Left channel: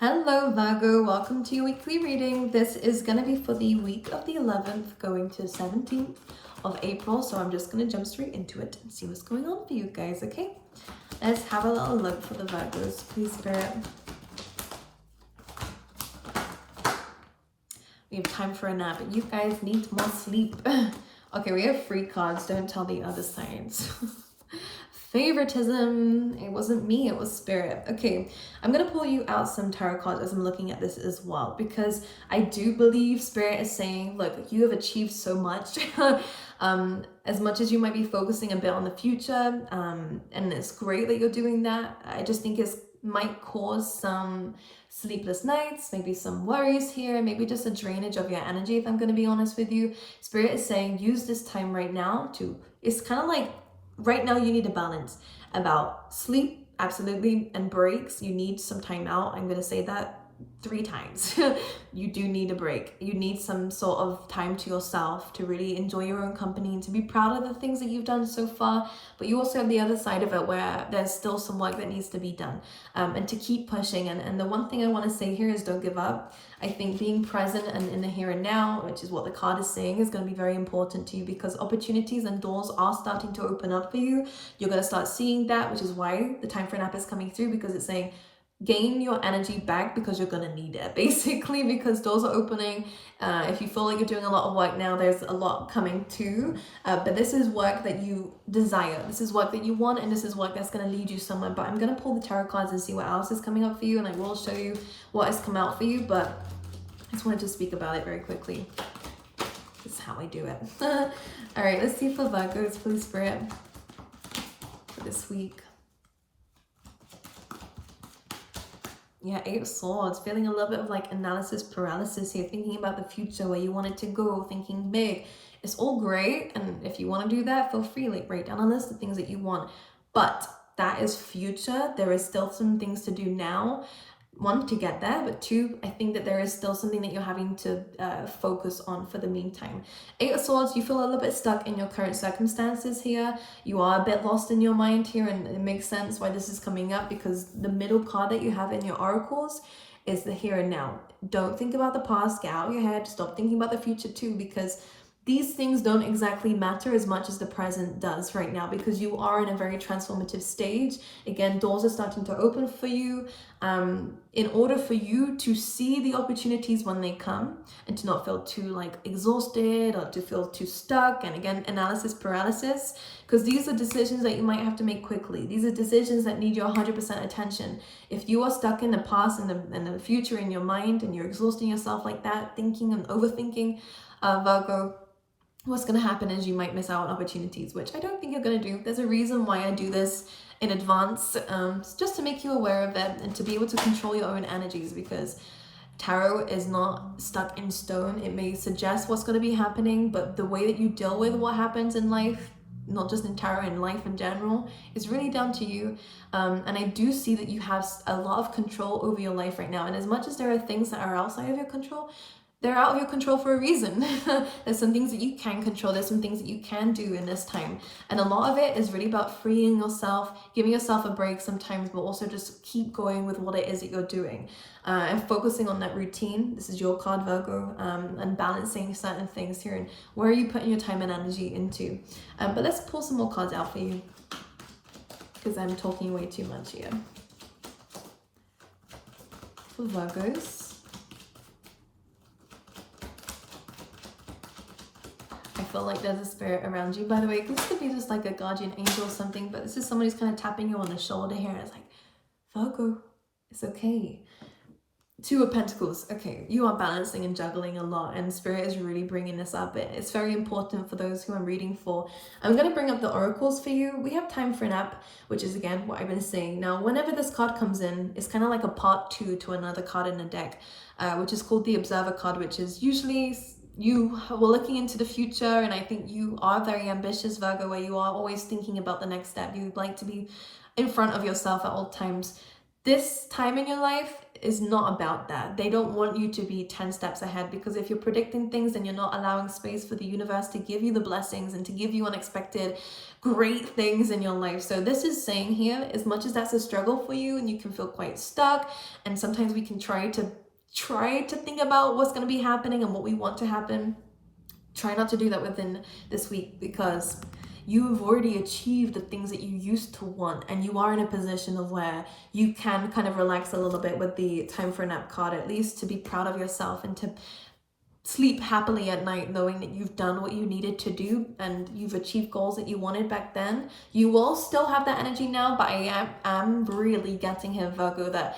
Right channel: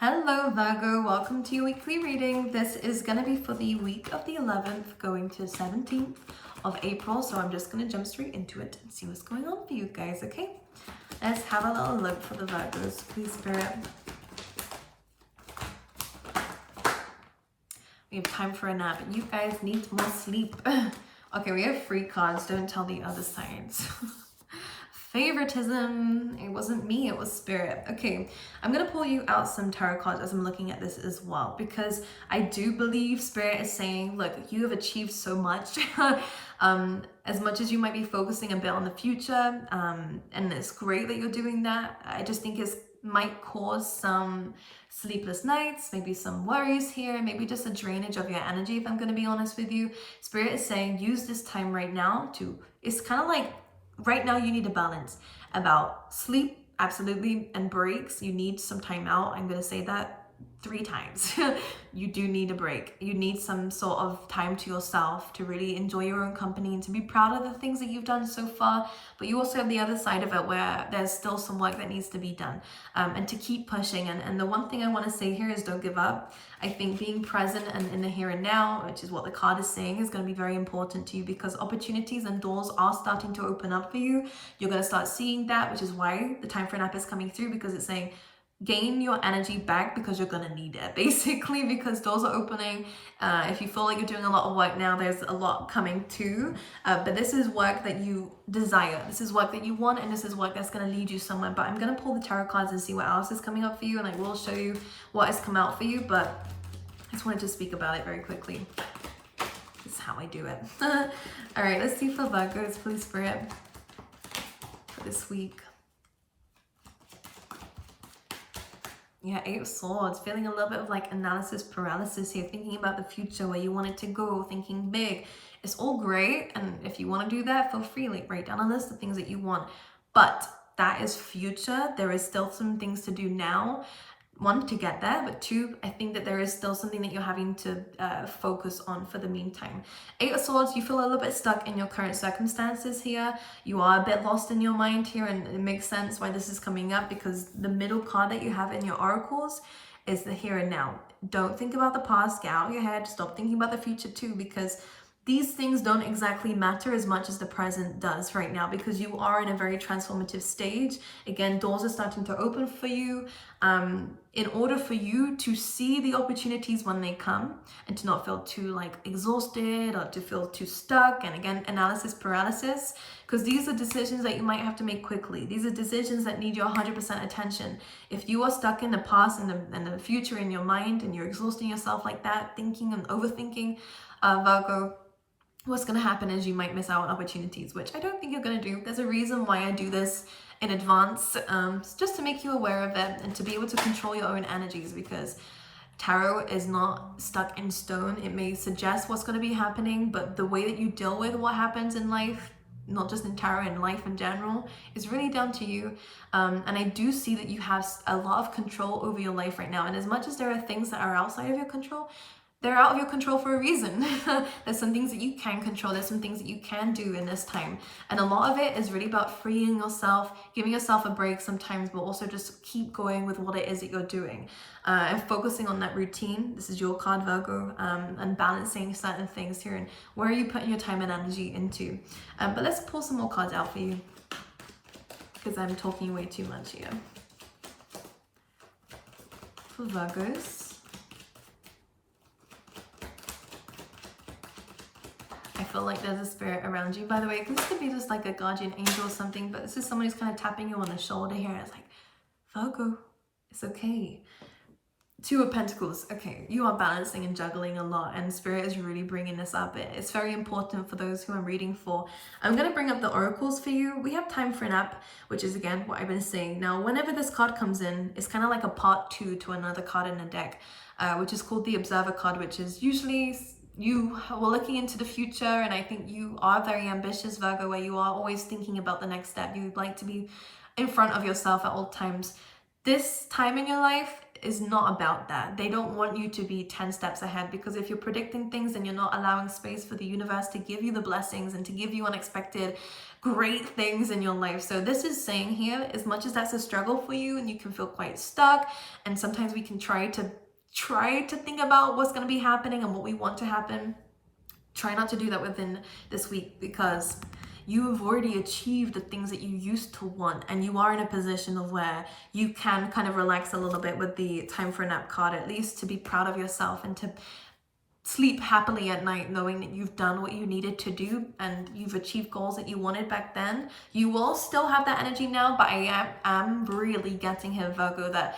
Hello Virgo, welcome to your weekly reading. This is going to be for the week of the 11th going to 17th of April. So I'm just going to jump straight into it and see what's going on for you guys, okay? Let's have a little look for the Virgos, please Spirit. We have time for a nap, but you guys need more sleep. Okay, we have 3 cards. Don't tell the other sides. Favoritism. It wasn't me, it was Spirit. Okay, I'm gonna pull you out some tarot cards as I'm looking at this as well, because I do believe Spirit is saying, look, you have achieved so much. As much as you might be focusing a bit on the future, and it's great that you're doing that, I just think it might cause some sleepless nights, maybe some worries here, maybe just a drainage of your energy, if I'm going to be honest with you. Spirit is saying use this time right now to, it's kind of like right now you need a balance about sleep, absolutely, and breaks. You need some time out. I'm going to say that 3 times. You do need a break. You need some sort of time to yourself to really enjoy your own company and to be proud of the things that you've done so far. But you also have the other side of it where there's still some work that needs to be done, and to keep pushing. And the one thing I want to say here is don't give up. I think being present and in the here and now, which is what the card is saying, is going to be very important to you, because opportunities and doors are starting to open up for you. You're going to start seeing that, which is why the time for nap is coming through, because it's saying gain your energy back, because you're going to need it, basically, because doors are opening. If you feel like you're doing a lot of work now, there's a lot coming too, but this is work that you desire, this is work that you want, and this is work that's going to lead you somewhere. But I'm going to pull the tarot cards and see what else is coming up for you, and I will show you what has come out for you, but I just wanted to speak about it very quickly. This is how I do it. All right, let's see for Virgos, please Spirit, for this week. Yeah, 8 of Swords, feeling a little bit of like analysis paralysis here, thinking about the future, where you want it to go, thinking big. It's all great, and if you want to do that, feel free, like write down a list of things that you want. But that is future. There is still some things to do now. 1, to get there, but 2, I think that there is still something that you're having to focus on for the meantime. 8 of Swords, you feel a little bit stuck in your current circumstances here. You are a bit lost in your mind here, and it makes sense why this is coming up, because the middle card that you have in your oracles is the here and now. Don't think about the past, get out of your head, stop thinking about the future too, because these things don't exactly matter as much as the present does right now, because you are in a very transformative stage. Again, doors are starting to open for you. In order for you to see the opportunities when they come, and to not feel too like exhausted or to feel too stuck, and again, analysis paralysis, because these are decisions that you might have to make quickly. These are decisions that need your 100% attention. If you are stuck in the past and the future in your mind, and you're exhausting yourself like that, thinking and overthinking, Virgo, what's going to happen is you might miss out on opportunities, which I don't think you're going to do. There's a reason why I do this in advance, just to make you aware of it and to be able to control your own energies, because tarot is not stuck in stone. It may suggest what's going to be happening, but the way that you deal with what happens in life, not just in tarot, in life in general, is really down to you. And I do see that you have a lot of control over your life right now, and as much as there are things that are outside of your control, they're out of your control for a reason. There's some things that you can control. There's some things that you can do in this time. And a lot of it is really about freeing yourself, giving yourself a break sometimes, but also just keep going with what it is that you're doing. And focusing on that routine. This is your card, Virgo, and balancing certain things here. And where are you putting your time and energy into? But let's pull some more cards out for you, because I'm talking way too much here. For Virgos. I feel like there's a spirit around you. By the way, this could be just like a guardian angel or something, but this is somebody who's kind of tapping you on the shoulder here. It's like, Virgo, it's okay. 2 of Pentacles. Okay, you are balancing and juggling a lot, and Spirit is really bringing this up. It's very important for those who I'm reading for. I'm going to bring up the oracles for you. We have time for a nap, which is again what I've been saying. Now, whenever this card comes in, it's kind of like a part 2 to another card in the deck, which is called the Observer card, which is usually you were looking into the future, and I think you are very ambitious, Virgo, where you are always thinking about the next step. You'd like to be in front of yourself at all times. This time in your life is not about that. They don't want you to be 10 steps ahead, because if you're predicting things and you're not allowing space for the universe to give you the blessings and to give you unexpected great things in your life. So this is saying here, as much as that's a struggle for you and you can feel quite stuck, and sometimes we can try to think about what's going to be happening and what we want to happen, try not to do that within this week, because you've already achieved the things that you used to want, and you are in a position of where you can kind of relax a little bit with the time for a nap card, at least to be proud of yourself and to sleep happily at night knowing that you've done what you needed to do and you've achieved goals that you wanted back then. You will still have that energy now, but I am really getting here, Virgo, that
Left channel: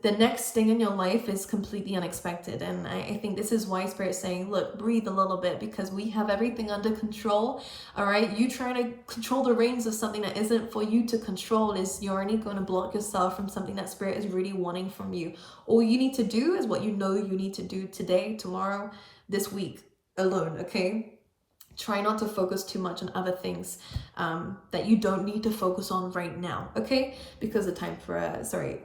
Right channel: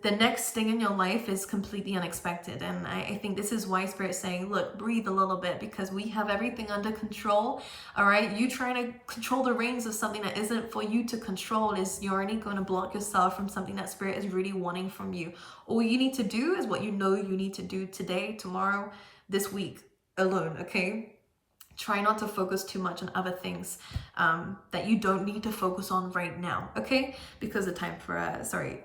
the next thing in your life is completely unexpected. And I think this is why Spirit's saying, look, breathe a little bit, because we have everything under control. All right, you trying to control the reins of something that isn't for you to control, is you're only going to block yourself from something that Spirit is really wanting from you. All you need to do is what you know you need to do today, tomorrow, this week alone. Okay, try not to focus too much on other things that you don't need to focus on right now, okay? Because the time for,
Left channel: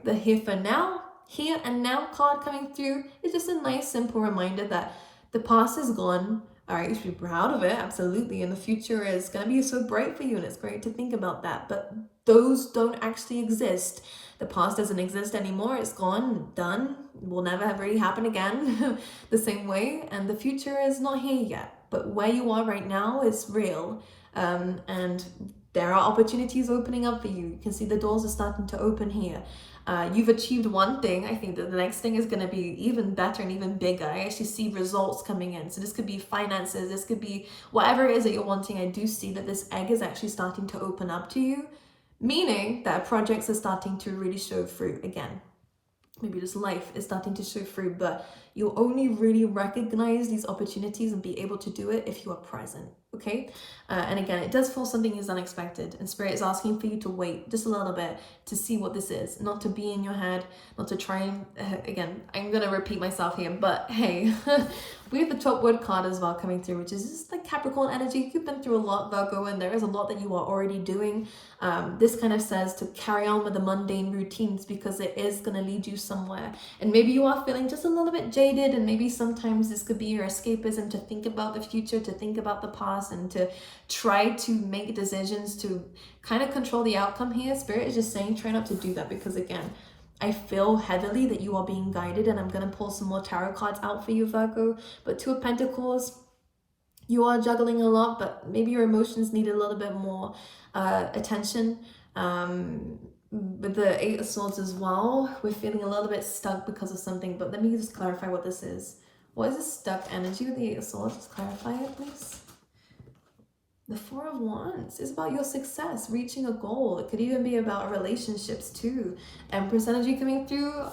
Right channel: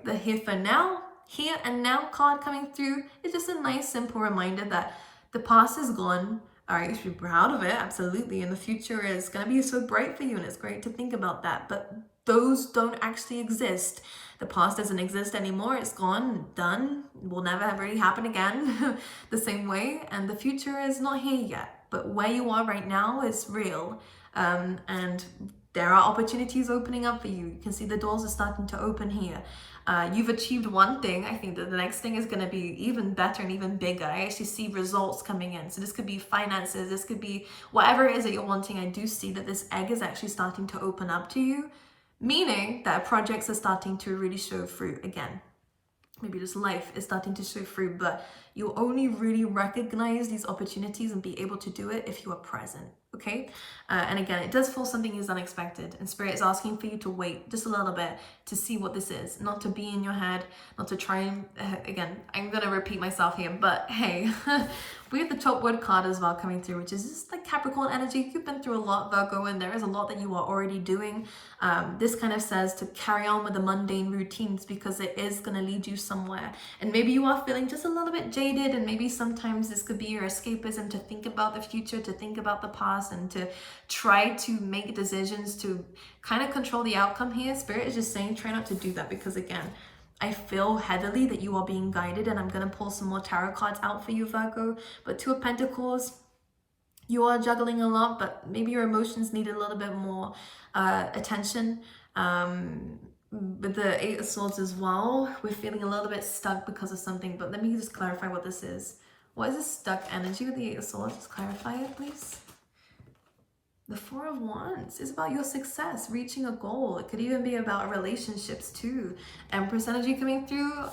the here and now card coming through is just a nice, simple reminder that the past is gone. All right, you should be proud of it, absolutely. And the future is going to be so bright for you, and it's great to think about that. But those don't actually exist. The past doesn't exist anymore. It's gone, done, will never really happen again the same way. And the future is not here yet. But where you are right now is real, and there are opportunities opening up for you. You can see the doors are starting to open here. You've achieved one thing. I think that the next thing is going to be even better and even bigger. I actually see results coming in. So this could be finances. This could be whatever it is that you're wanting. I do see that this egg is actually starting to open up to you, meaning that projects are starting to really show fruit again. Maybe just life is starting to show fruit, but you'll only really recognize these opportunities and be able to do it if you are present, okay? And again, it does feel something is unexpected, and Spirit is asking for you to wait just a little bit to see what this is, not to be in your head, not to try and, again, I'm gonna repeat myself here, but hey, we have the top word card as well coming through, which is just like Capricorn energy. You've been through a lot, Virgo, and there is a lot that you are already doing. This kind of says to carry on with the mundane routines, because it is gonna lead you somewhere. And maybe you are feeling just a little bit jaded, and maybe sometimes this could be your escapism to think about the future, to think about the past, and to try to make decisions to kind of control the outcome here. Spirit is just saying try not to do that, because again, I feel heavily that you are being guided, and I'm going to pull some more tarot cards out for you, Virgo. But Two of Pentacles, you are juggling a lot, but maybe your emotions need a little bit more attention. With the Eight of Swords as well, we're feeling a little bit stuck because of something, but let me just clarify what this is. What is this stuck energy with the Eight of Swords? Just clarify it, please. The Four of Wands is about your success, reaching a goal. It could even be about relationships too. Empress energy coming through.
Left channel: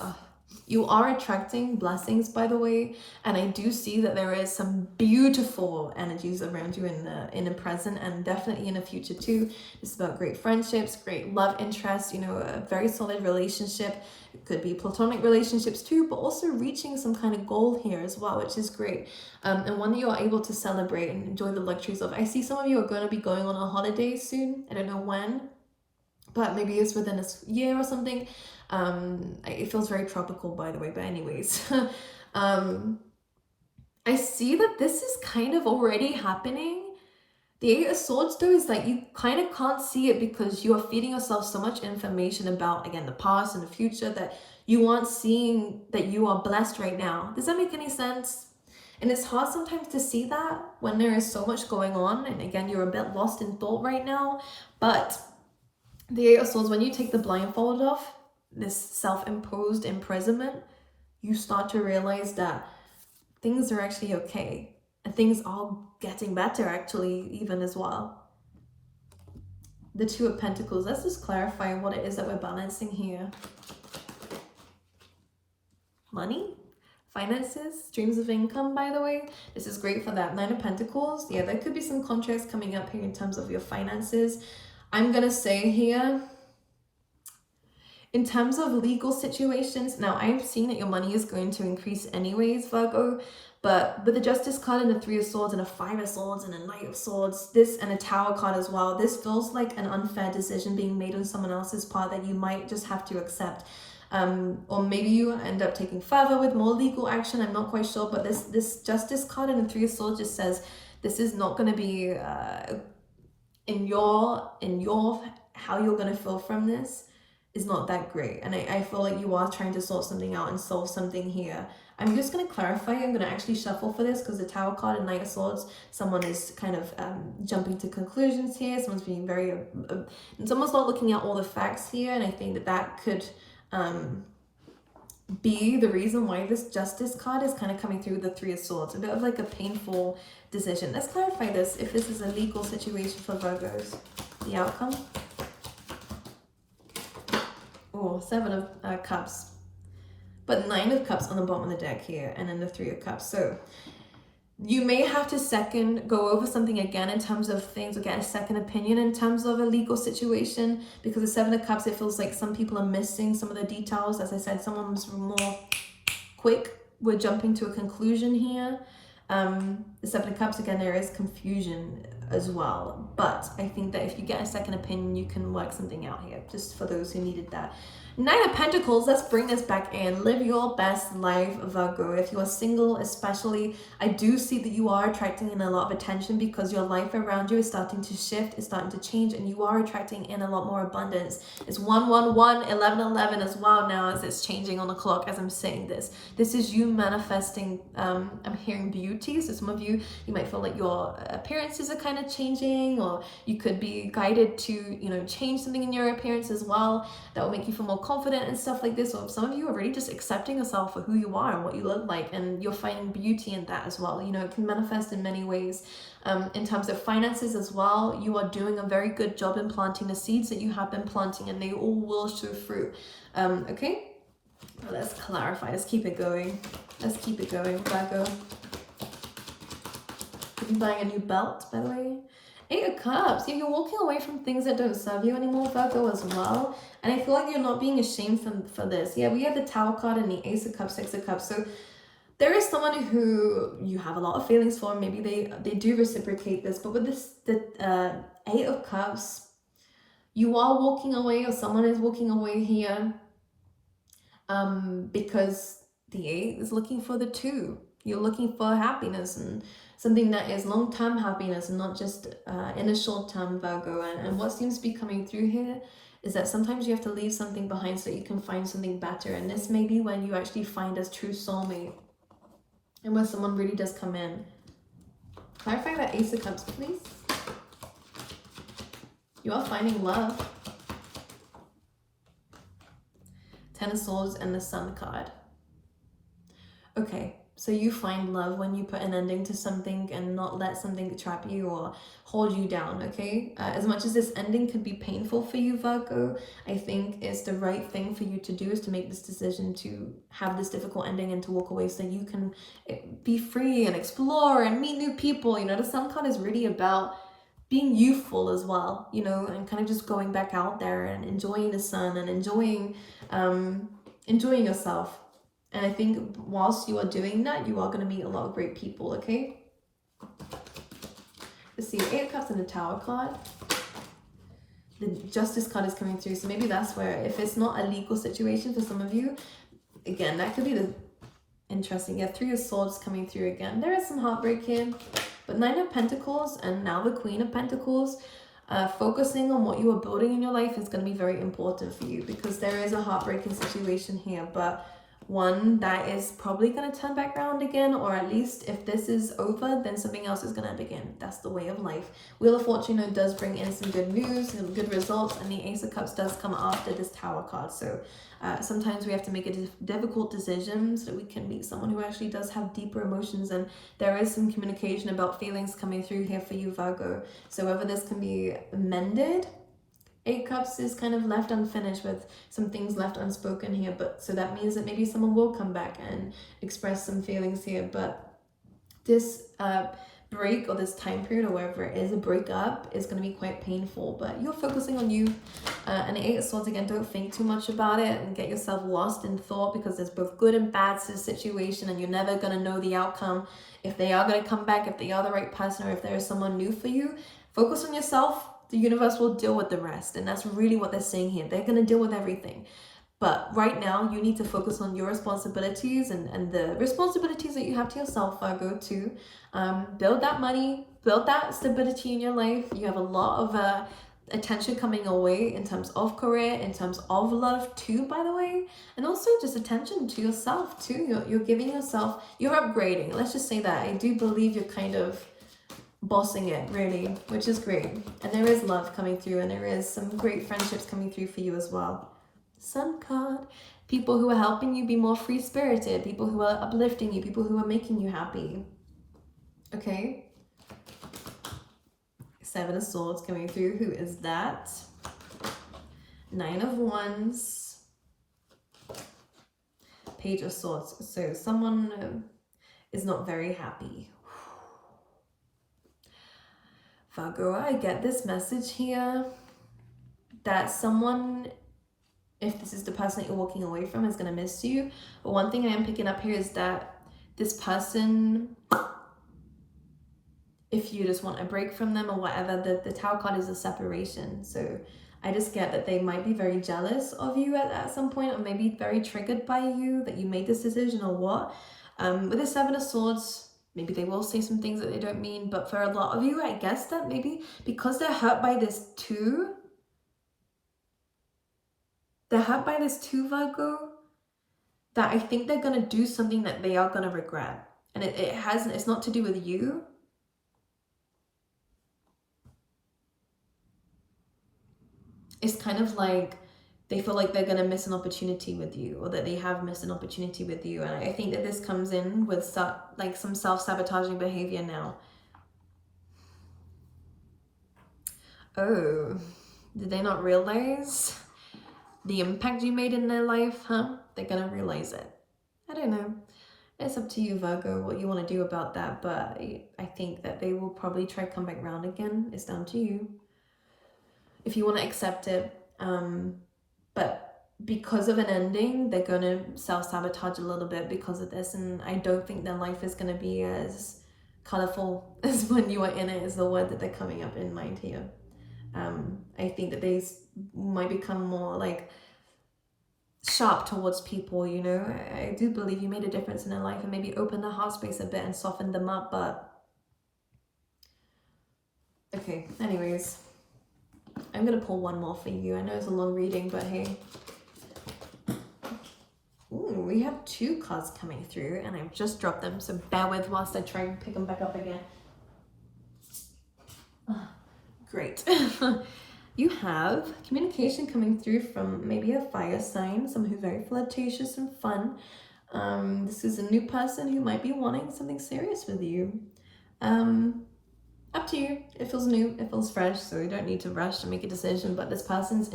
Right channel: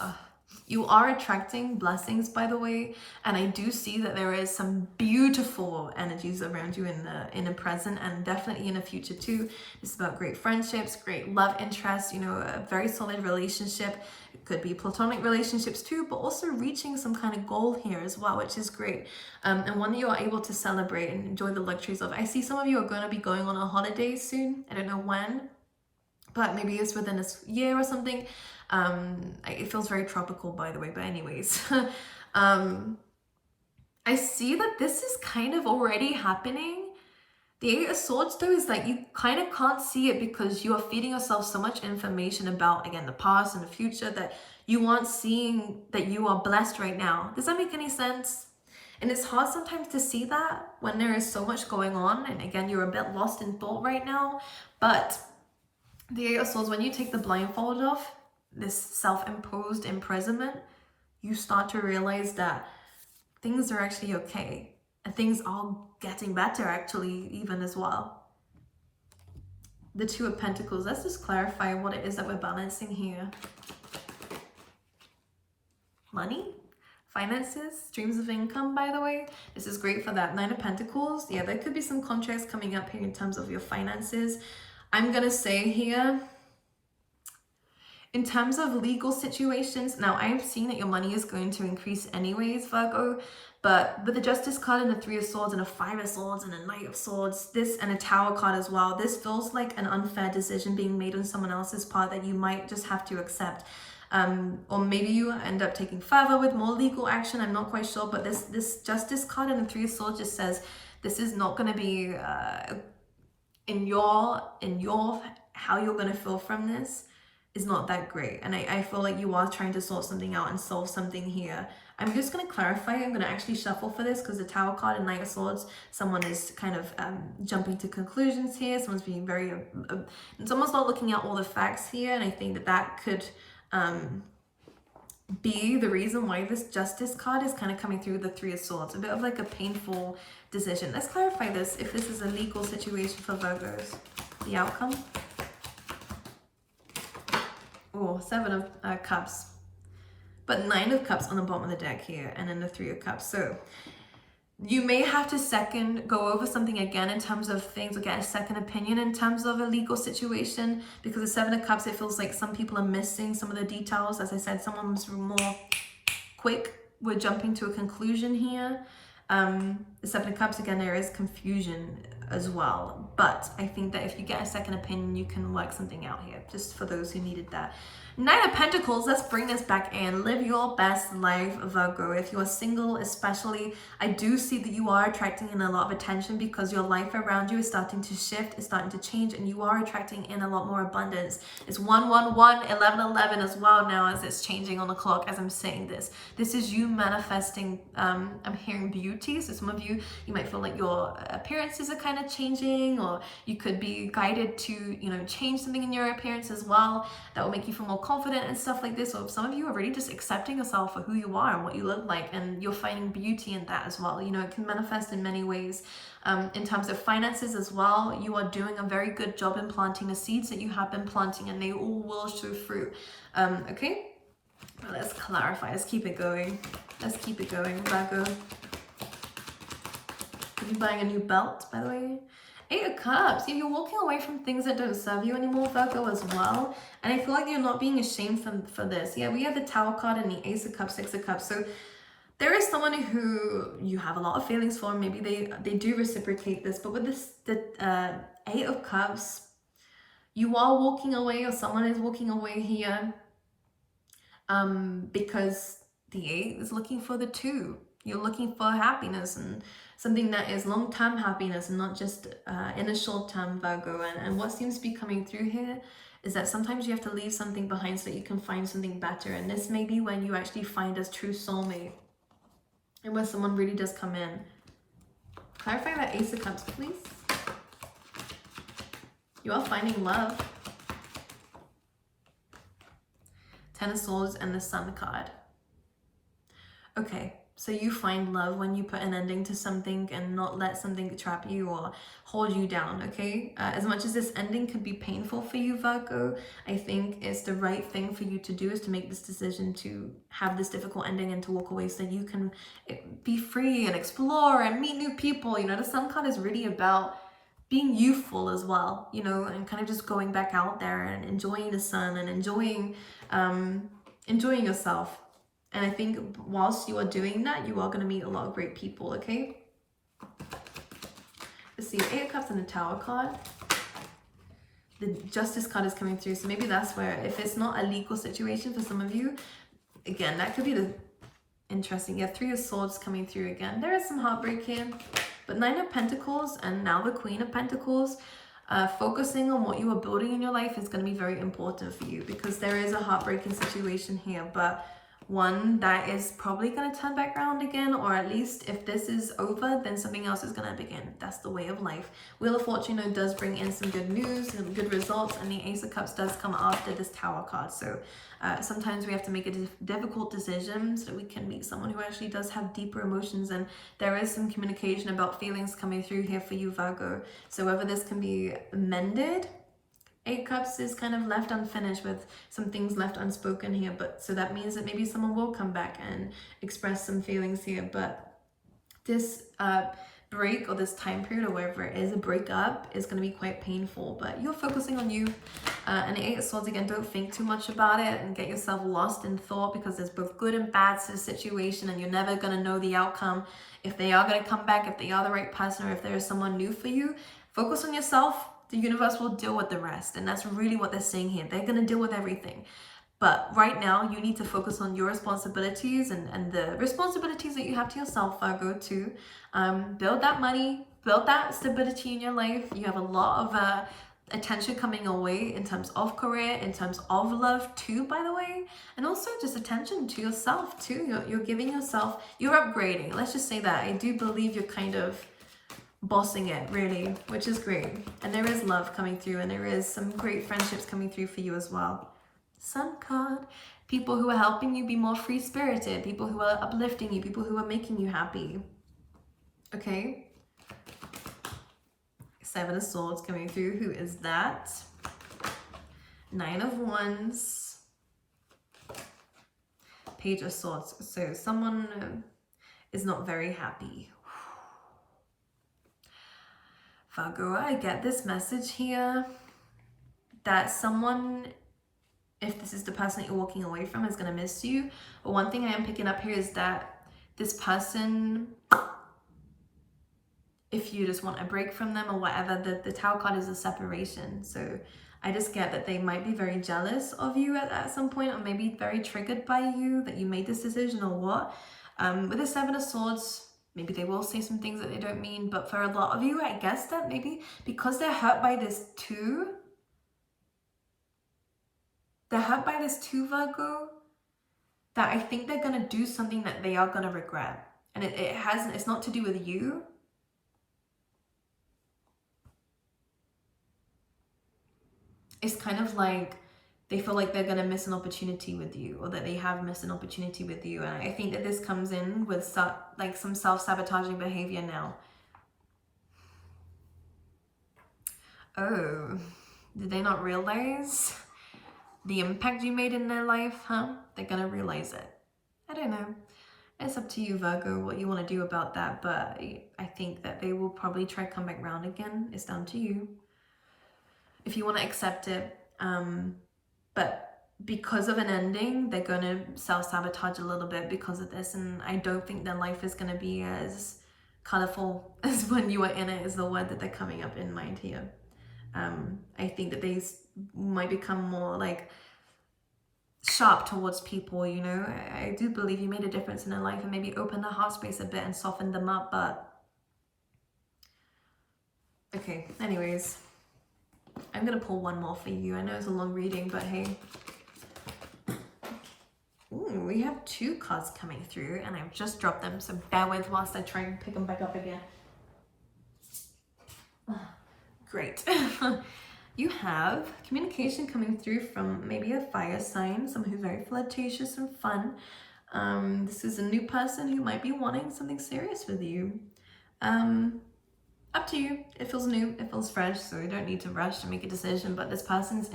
You are attracting blessings, by the way, and I do see that there is some beautiful energies around you in the present, and definitely in the future too. It's about great friendships, great love interest, you know, a very solid relationship. It could be platonic relationships too, but also reaching some kind of goal here as well, which is great, and one that you are able to celebrate and enjoy the luxuries of. I see some of you are going to be going on a holiday soon. I don't know when, but maybe it's within a year or something. It feels very tropical, by the way, but anyways. I see that this is kind of already happening. The Eight of Swords though is like you kind of can't see it because you are feeding yourself so much information about, again, the past and the future, that you aren't seeing that you are blessed right now. Does that make any sense? And it's hard sometimes to see that when there is so much going on, and again, you're a bit lost in thought right now. But the Eight of Swords, when you take the blindfold off, this self-imposed imprisonment, you start to realize that things are actually okay, and things are getting better actually, even as well. The Two of Pentacles, let's just clarify what it is that we're balancing here. Money, finances, streams of income, by the way. This is great for that. Nine of Pentacles, yeah, there could be some contracts coming up here in terms of your finances. I'm gonna say here, in terms of legal situations, now I've seen that your money is going to increase anyways, Virgo, but with the Justice card and the Three of Swords and a Five of Swords and a Knight of Swords, this and a Tower card as well, this feels like an unfair decision being made on someone else's part that you might just have to accept. or maybe you end up taking further with more legal action. I'm not quite sure, but this Justice card in the Three of Swords just says this is not going to be in your how you're going to feel from this is not that great. And I feel like you are trying to sort something out and solve something here. I'm just going to clarify. I'm going to actually shuffle for this because the Tower card and Knight of Swords, someone is kind of jumping to conclusions here. Someone's being very, someone's not looking at all the facts here. And I think that could be the reason why this Justice card is kind of coming through the Three of Swords. A bit of like a painful decision. Let's clarify this. If this is a legal situation for Virgos, the outcome. Oh, Seven of Cups. But Nine of Cups on the bottom of the deck here, and then the Three of Cups. So you may have to go over something again in terms of things, or get a second opinion in terms of a legal situation, because the Seven of Cups, it feels like some people are missing some of the details. As I said, someone was more quick. We're jumping to a conclusion here. The Seven of Cups, again, there is confusion as well. But I think that if you get a second opinion, you can work something out here, just for those who needed that. Nine of Pentacles, let's bring this back in. Live your best life, Virgo. If you are single especially, I do see that you are attracting in a lot of attention because your life around you is starting to shift, it's starting to change, and you are attracting in a lot more abundance. It's 111, 1111 as well now as it's changing on the clock as I'm saying this. This is you manifesting, I'm hearing beauty. So some of you might feel like your appearances are kind of changing, or you could be guided to, change something in your appearance as well that will make you feel more confident and stuff like this. Or some of you are really just accepting yourself for who you are and what you look like, and you're finding beauty in that as well. It can manifest in many ways. In terms of finances as well, you are doing a very good job in planting the seeds that you have been planting, and they all will show fruit. Okay, let's clarify. Let's keep it going. Virgo. Could be buying a new belt, by the way. Eight of Cups. Yeah, you're walking away from things that don't serve you anymore, Virgo, as well. And I feel like you're not being ashamed for this. Yeah, we have the Tower card and the Ace of Cups, Six of Cups. So there is someone who you have a lot of feelings for. Maybe they do reciprocate this. But with the Eight of Cups, you are walking away, or someone is walking away here, because the Eight is looking for the Two. You're looking for happiness and something that is long-term happiness and not just in a short-term, Virgo. And what seems to be coming through here is that sometimes you have to leave something behind so that you can find something better. And this may be when you actually find a true soulmate and when someone really does come in. Clarify that Ace of Cups, please. You are finding love. Ten of Swords and the Sun card. Okay. So you find love when you put an ending to something and not let something trap you or hold you down, okay? As much as this ending could be painful for you, Virgo, I think it's the right thing for you to do, is to make this decision to have this difficult ending and to walk away so you can be free and explore and meet new people. The Sun card is really about being youthful as well, and kind of just going back out there and enjoying the sun and enjoying yourself. And I think whilst you are doing that, you are going to meet a lot of great people, okay? Let's see, Eight of Cups and the Tower card. The Justice card is coming through. So maybe that's where, if it's not a legal situation for some of you, again, that could be the interesting. Yeah, Three of Swords coming through again. There is some heartbreak here. But Nine of Pentacles and now the Queen of Pentacles. Focusing on what you are building in your life is going to be very important for you, because there is a heartbreaking situation here. But one that is probably going to turn back around again, or at least if this is over, then something else is going to begin. That's the way of life. Wheel of Fortune does bring in some good news and good results, and the Ace of Cups does come after this Tower card. So sometimes we have to make a difficult decision so we can meet someone who actually does have deeper emotions, and there is some communication about feelings coming through here for you, Virgo. So whether this can be mended, Eight Cups is kind of left unfinished with some things left unspoken here, but so that means that maybe someone will come back and express some feelings here. But this break, or this time period, or wherever it is, a breakup, is going to be quite painful. But you're focusing on you. And the Eight of Swords, again, don't think too much about it and get yourself lost in thought, because there's both good and bad to the situation, and you're never going to know the outcome. If they are going to come back, if they are the right person, or if there is someone new for you, focus on yourself. The universe will deal with the rest. And that's really what they're saying here. They're going to deal with everything. But right now, you need to focus on your responsibilities and the responsibilities that you have to yourself, Virgo, to build that money, build that stability in your life. You have a lot of attention coming away in terms of career, in terms of love too, by the way, and also just attention to yourself too. You're giving yourself, you're upgrading. Let's just say that. I do believe you're kind of bossing it, really, which is great. And there is love coming through, and there is some great friendships coming through for you as well. Sun card, people who are helping you be more free-spirited, people who are uplifting you, people who are making you happy. Okay. Seven of Swords coming through. Who is that? Nine of Wands. Page of Swords. So someone is not very happy. Virgo, I get this message here that someone, if this is the person that you're walking away from, is going to miss you. But one thing I am picking up here is that this person, if you just want a break from them or whatever, the Tower card is a separation. So I just get that they might be very jealous of you at some point, or maybe very triggered by you that you made this decision or what. With the Seven of Swords, maybe they will say some things that they don't mean, but for a lot of you, I guess that maybe because they're hurt by this too, Virgo, that I think they're going to do something that they are going to regret. And it's not to do with you. It's kind of like they feel like they're going to miss an opportunity with you, or that they have missed an opportunity with you. And I think that this comes in with some self-sabotaging behavior now. Oh, did they not realize the impact you made in their life, huh? They're gonna realize it. I don't know. It's up to you, Virgo, what you want to do about that, but I think that they will probably try to come back around again. It's down to you. If you want to accept it, but because of an ending, they're gonna self-sabotage a little bit because of this, and I don't think their life is gonna be as colorful as when you were in it, is the word that they're coming up in mind here. I think that they might become more like sharp towards people, you know. I do believe you made a difference in their life and maybe opened their heart space a bit and softened them up, but okay, anyways, I'm gonna pull one more for you. I know it's a long reading, but hey. Ooh, we have two cards coming through and I've just dropped them, so bear with whilst I try and pick them back up again. Oh, great. You have communication coming through from maybe a fire sign, someone who's very flirtatious and fun. This is a new person who might be wanting something serious with you. Up to you. It feels new, it feels fresh, so you don't need to rush to make a decision, but this person is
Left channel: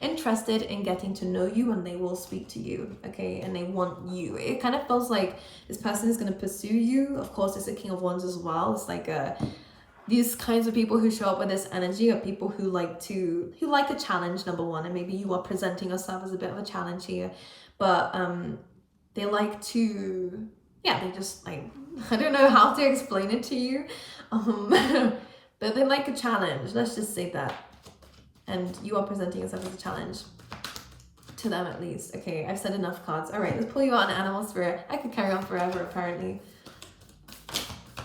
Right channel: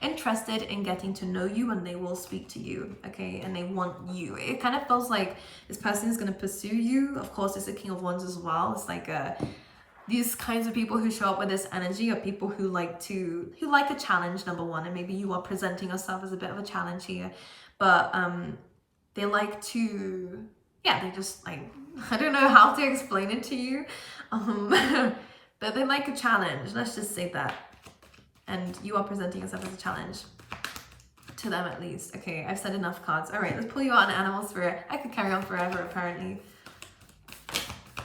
interested in getting to know you, and they will speak to you, okay? And they want you. It kind of feels like this person is going to pursue you. Of course, it's a King of Wands as well. It's like these kinds of people who show up with this energy are people who like a challenge, number one, and maybe you are presenting yourself as a bit of a challenge here, but they like to, yeah, they just like, I don't know how to explain it to you, but they like a challenge, let's just say that, and you are presenting yourself as a challenge to them, at least. Okay, I've said enough cards. All right, let's pull you out an animal spirit. I could carry on forever, apparently.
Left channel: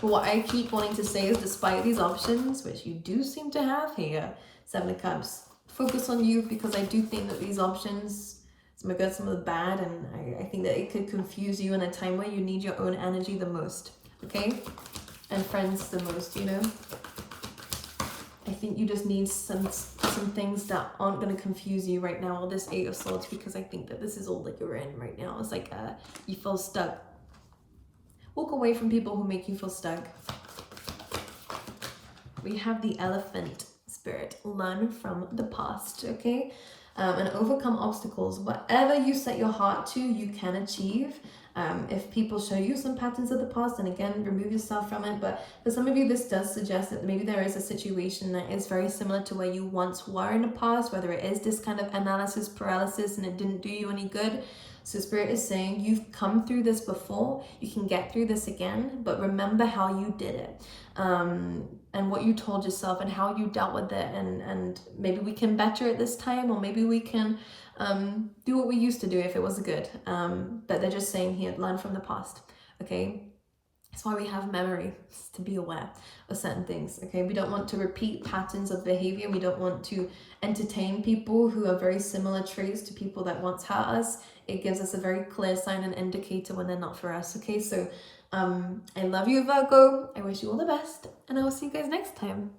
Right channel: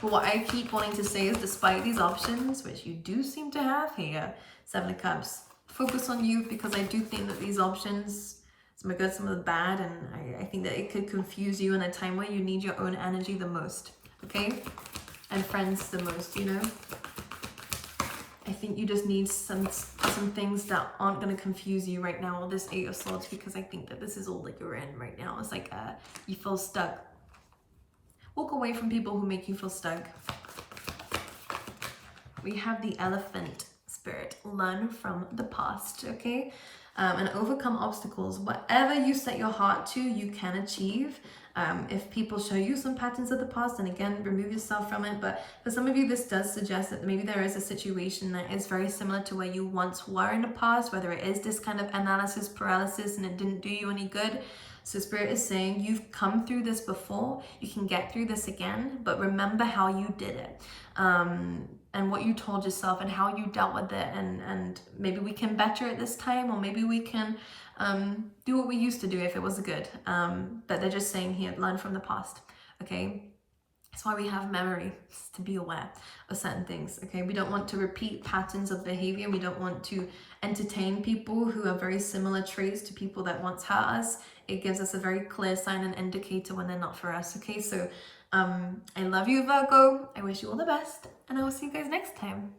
What I keep wanting to say is, despite these options, which you do seem to have here, Seven of Cups, focus on you, because I do think that these options, some are good, some are bad, and I think that it could confuse you in a time where you need your own energy the most, okay? And friends the most, you know? I think you just need some things that aren't going to confuse you right now, this Eight of Swords, because I think that this is all that you're in right now. It's like you feel stuck. Walk away from people who make you feel stuck. We have the Elephant spirit. Learn from the past, okay? And overcome obstacles. Whatever you set your heart to, you can achieve. If people show you some patterns of the past, and again, remove yourself from it. But for some of you, this does suggest that maybe there is a situation that is very similar to where you once were in the past, whether it is this kind of analysis paralysis and it didn't do you any good. So Spirit is saying, you've come through this before, you can get through this again, but remember how you did it, and what you told yourself and how you dealt with it, and maybe we can better it this time, or maybe we can do what we used to do if it was good. But they're just saying here, learn from the past. Okay, that's why we have memory, to be aware of certain things. Okay, we don't want to repeat patterns of behavior. We don't want to entertain people who have very similar traits to people that once hurt us. It gives us a very clear sign and indicator when they're not for us. Okay, so I love you, Virgo. I wish you all the best, and I will see you guys next time.